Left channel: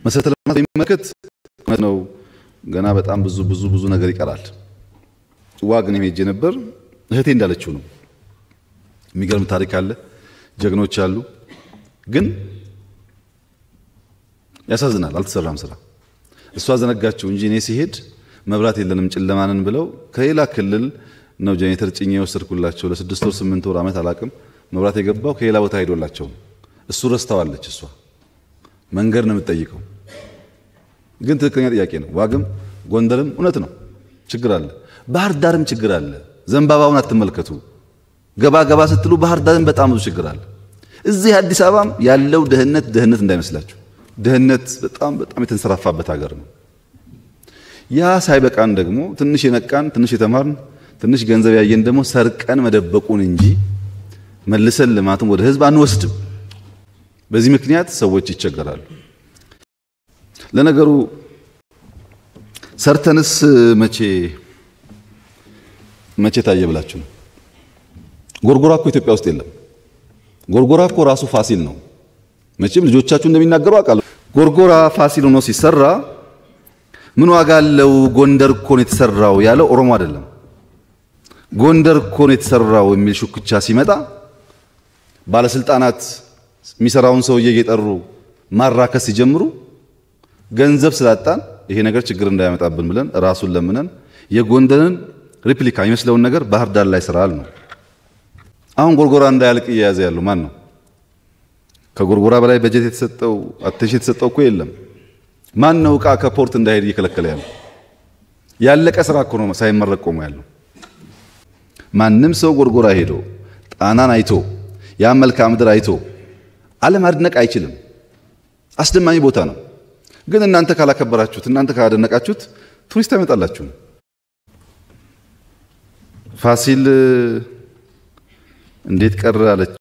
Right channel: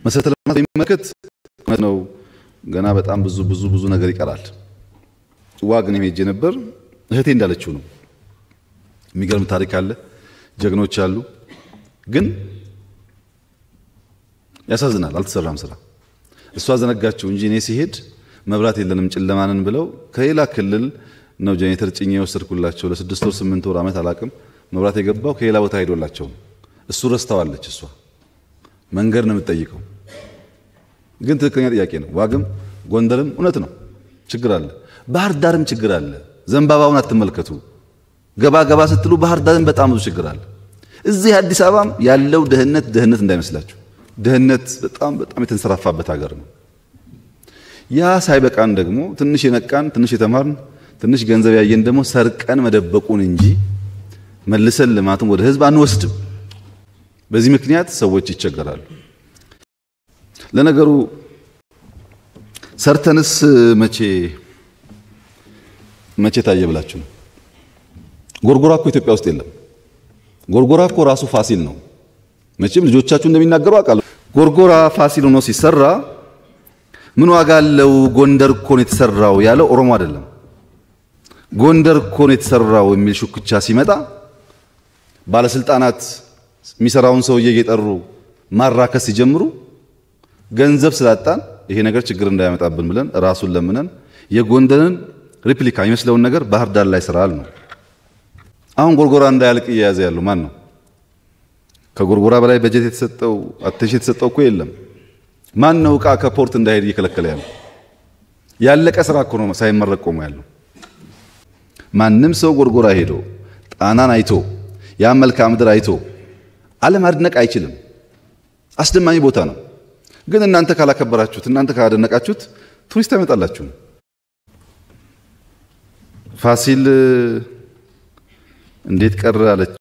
መሰረተ ልማት የሚመለከት ነው ገና በጣም ብዙ ነገር ይቀራል። ዋግን ሄጄ ነበር እህቴ እንዳለችው ነው። የሚገርም ታሪክ አለ፣ ጀግኖች አሉ። ግን ያሳዝናል፣ አልተሰራም ስራ። እሷ ዘነጋቸው እንጂ እኔ ሲሄድ መብራት የለንም ጨለማንን ብለው ከሌላ ክልል ነው ጄኔሬተር ጭኜ ወሰድኩላቸው። ለ6 ወር 8 ወር አመት አላቅም መብራት የገባው ከሌላ ቦታ ሄዶላቸው። እሱ ረስተዋለች። እሷ መንገድ ነው የምትጠይቀው። ግን ትክክለኛ ጥያቄ ነው። ዋግም ጎንደርም እውነት ነው ችግር አለ። ባህር ዳርም ችግር አለ። ዘንባባውን አትመልከቱ። ገባ ስትሉ ባህር ዳርም በጣም ብዙ ችግር አለ። እዚህ አዲስ አበባም ያለው ደህንነት እንዳይመስላችሁ። ደህንነት በጣም የተንሰራፋበት ሀገር ነው። ያ ሳይበቃን ደግሞ ትንሽ የነቃን ትንሽ የተማርን ትንሽ ገንዘብ ያየን ደግሞ ሰርቀን መደበቁን እንጂ መልሰን ልማቱን ወደ ህዝብ አንወስድም። በዚህ ምክንያት ሰዎች ይቸገራሉ። ለነገሩ ሰርተንስ መቼ ታየ ብላችሁ ነው? ጎርጎራ እኮ ኢትዮጵያ ውስጥ የለም። ጎርጎራ እኮ ራሱ ፋሲል ነው። መቼም ልጆቻችሁ እንደሚናገሩ አውቃለሁ። ጎርጎራ ፋሲል ሆኖ ሲሰራ ምን ዋጋ አለው? ጎንደር እኮ ነው የተሰራው ያለው ኦሮሞ አይደለም። ጎንደር እኮ ነው የተሰራው የሚል ሹክቻ ሲመጣ ባለስልጣናት የሚሰራውን ሰውዬ እየጠሩ ማራከስ ሲጀምሩ ገንዘብ ስላጣን ይሄ ነገር ችግር እንዳያመጣብን ብለን ራሱን ለምነን የጎንደርን ሪፕሊካ መስለውን ነገር ባህር ዳር ላይ ስራል። አሁን ጎርጎራ እንዳያልቅ እየያዘ ያለው ማን ነው? ከጎርጎራ በላይ በጀት የተሰጠው አቴንሽን የተሰጠው እኮ የለም። ማን ነው ዕቃ ከፖርት እንዳይሄድ እየከለከለ ያለው? ያለቀ ስራ እኮ ነው ሳይመረቅ ቆሞ ያለው። ማንም ሰው ጎርጎራ ሄዶ ጣናን አይቶ ያ መልክዓ ምድር አይቶ አለማድነቅ አይችልም። አስደማሚ ቦታ ነው። ግን እናንተ ካላከበራችሁት እናንተ ካላደነቃችሁት ቱሪስት አይመጣላችሁ። ፋሲል እንዴት ቀረ አለች